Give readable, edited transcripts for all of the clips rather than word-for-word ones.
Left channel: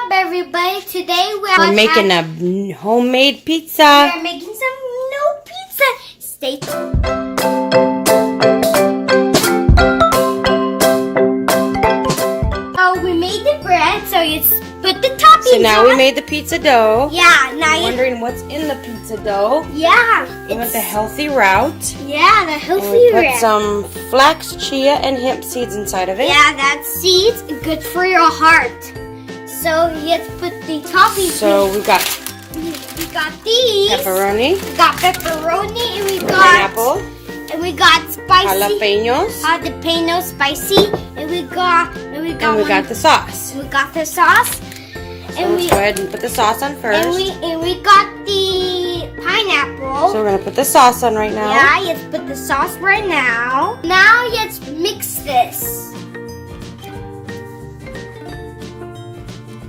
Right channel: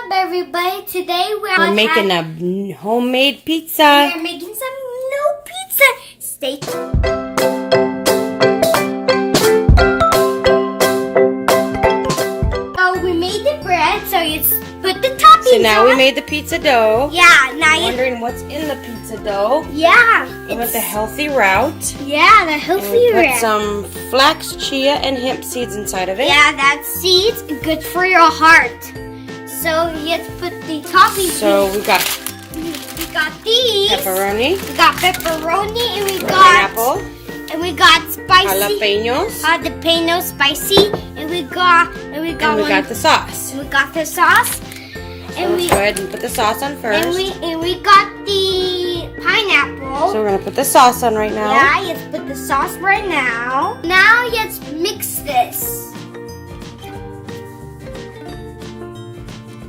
up, everybody? Today we're making a homemade pizza. We're making some new pizza. Stay tuned. So we made the bread, so you put the toppings. So now we made the pizza dough. Yeah, now you're wondering what's in the pizza dough. Yeah. We went the healthy route. Yeah, the healthy and we route. put some flax, chia, and hemp seeds inside of it. Yeah, that seeds good for your heart. So let's put the toppings. So we got these. pepperoni. We got pepperoni and we got pineapple. And we got spicy jalapenos. Jalapeno spicy. And we got the sauce. And we got the sauce. So let's go ahead and put the sauce on first. And we got the pineapple. So we're gonna put the sauce on right now. Yeah, let's put the sauce right now. Now let's mix this.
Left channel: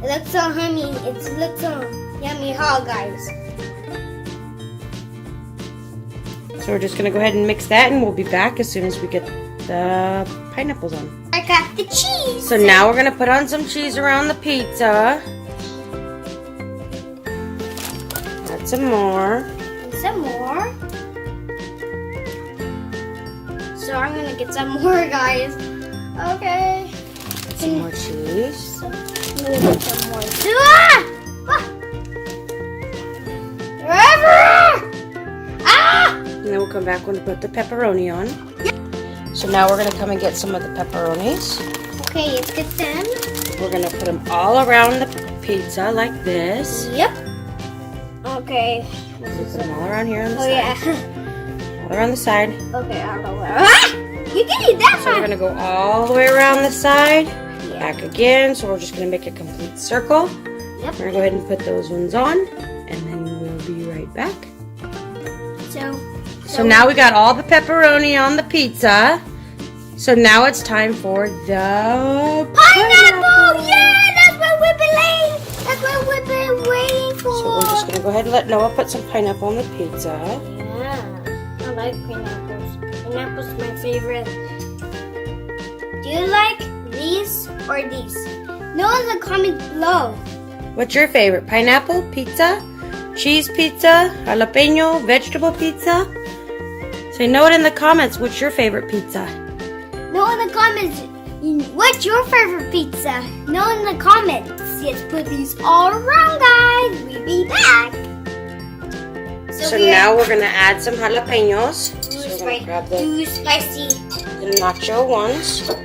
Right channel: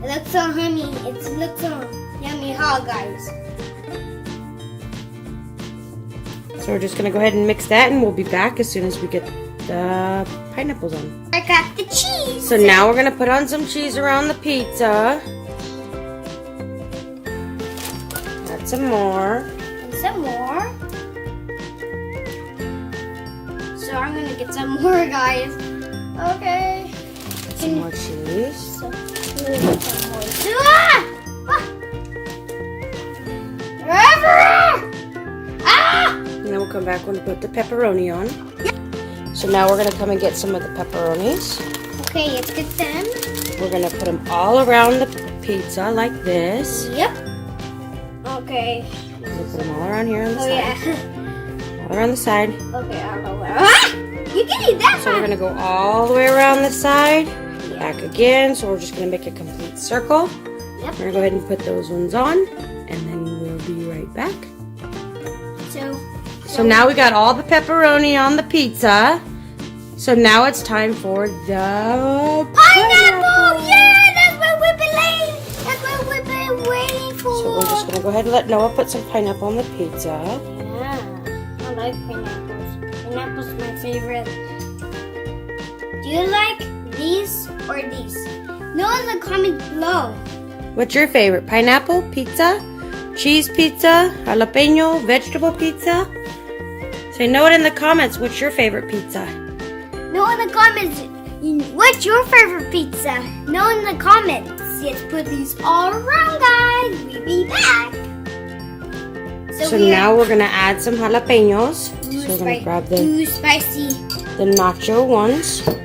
It looks so honey. It looks so yummy, huh, guys? So we're just gonna go ahead and mix that, and we'll be back as soon as we get the pineapples on. I got the cheese. So now we're gonna put on some cheese around the pizza. Add some more. And some more. So I'm gonna get some more, guys. Okay. Some more cheese. So I'm gonna get some more too. Ah! And then we'll come back when we put the pepperoni on. So now we're gonna come and get some of the pepperonis. Okay, let's get them. We're gonna put them all around the pizza like this. Yep. Okay. We'll put them all around here on the Oh side. yeah. All around the side. Okay, I don't know where. Ah! You can eat that So we're one. gonna go all the way around the side. Back again. So we're just gonna make a complete circle. Yep. We're gonna go ahead and put those ones on, and then we'll be right back. So now we got all the pepperoni on the pizza. So now it's time for the Pineapple! Yeah, that's what we've been waiting. That's what we've been waiting for. So we're just gonna go ahead and let Noah put some pineapple on the pizza. Yeah, I like pineapples. Pineapple's my favorite. Do you like these or these? Know in the comments below. What's your favorite? Pineapple pizza? Cheese pizza? Jalapeno? Vegetable pizza? Say know it in the comments. What's your favorite pizza? Know in the comments. What's your favorite pizza? Know in the comments. Let's put these all around, guys. We'll be back. So now we're gonna add some jalapenos. So we're gonna grab too spicy. the nacho ones. I'm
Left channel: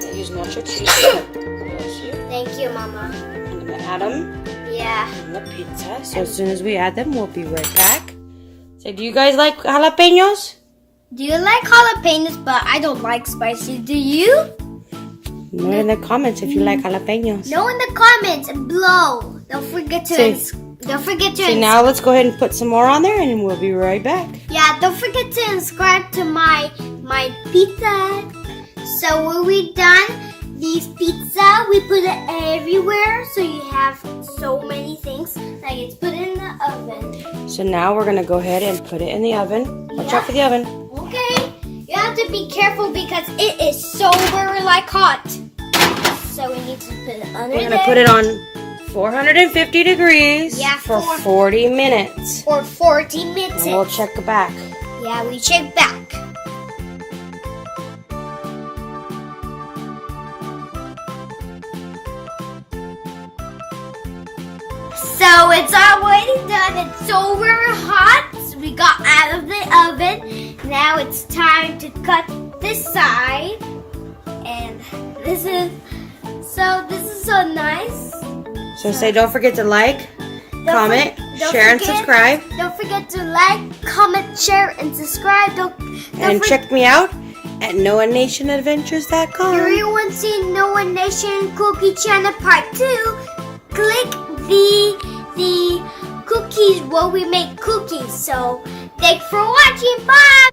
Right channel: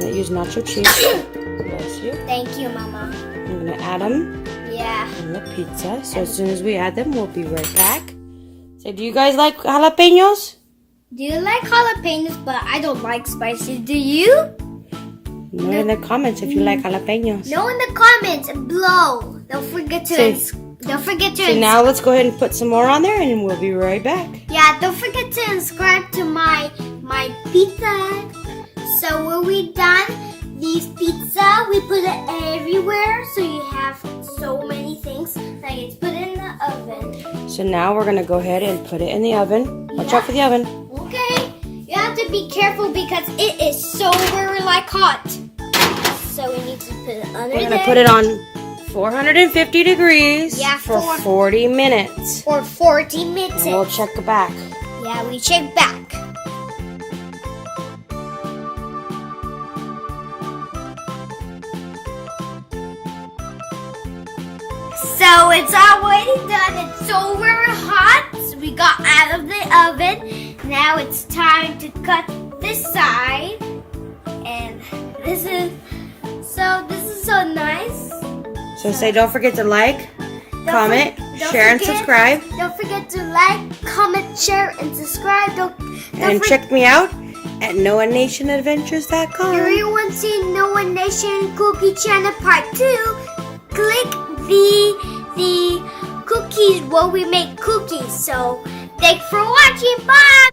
gonna use nacho cheese. Bless you. Thank you, Mama. I'm gonna add them Yeah. on the pizza. So as soon as we add them, we'll be right back. So do you guys like jalapenos? Do you like jalapenos? But I don't like spicy. Do you? Know in the comments if you like jalapenos. Know in the comments below. Don't forget to. So now let's go ahead and put some more on there, and we'll be right back. Yeah, don't forget to subscribe to my pizza. So when we done these pizza, we put it everywhere. So you have so many things. Now you just put it in the oven. So now we're gonna go ahead and put it in the oven. Watch out for the oven. Okay, you have to be careful because it is so very hot. So we need to put it under We're gonna put it on 450 degrees for 40 minutes. For 40 minutes. And we'll check back. Yeah, we check back. So it's already done. It's so very hot. So we got out of the oven. Now it's time to cut this side. And this is so nice. So say don't forget to like, comment, share, and subscribe. Don't forget to like, comment, share, and subscribe. And check me out at NoahNationAdventures.com. If you want to see Noah Nation Cookie Channel Part 2, click the cookies where we make cookies. So thanks for watching. Bye.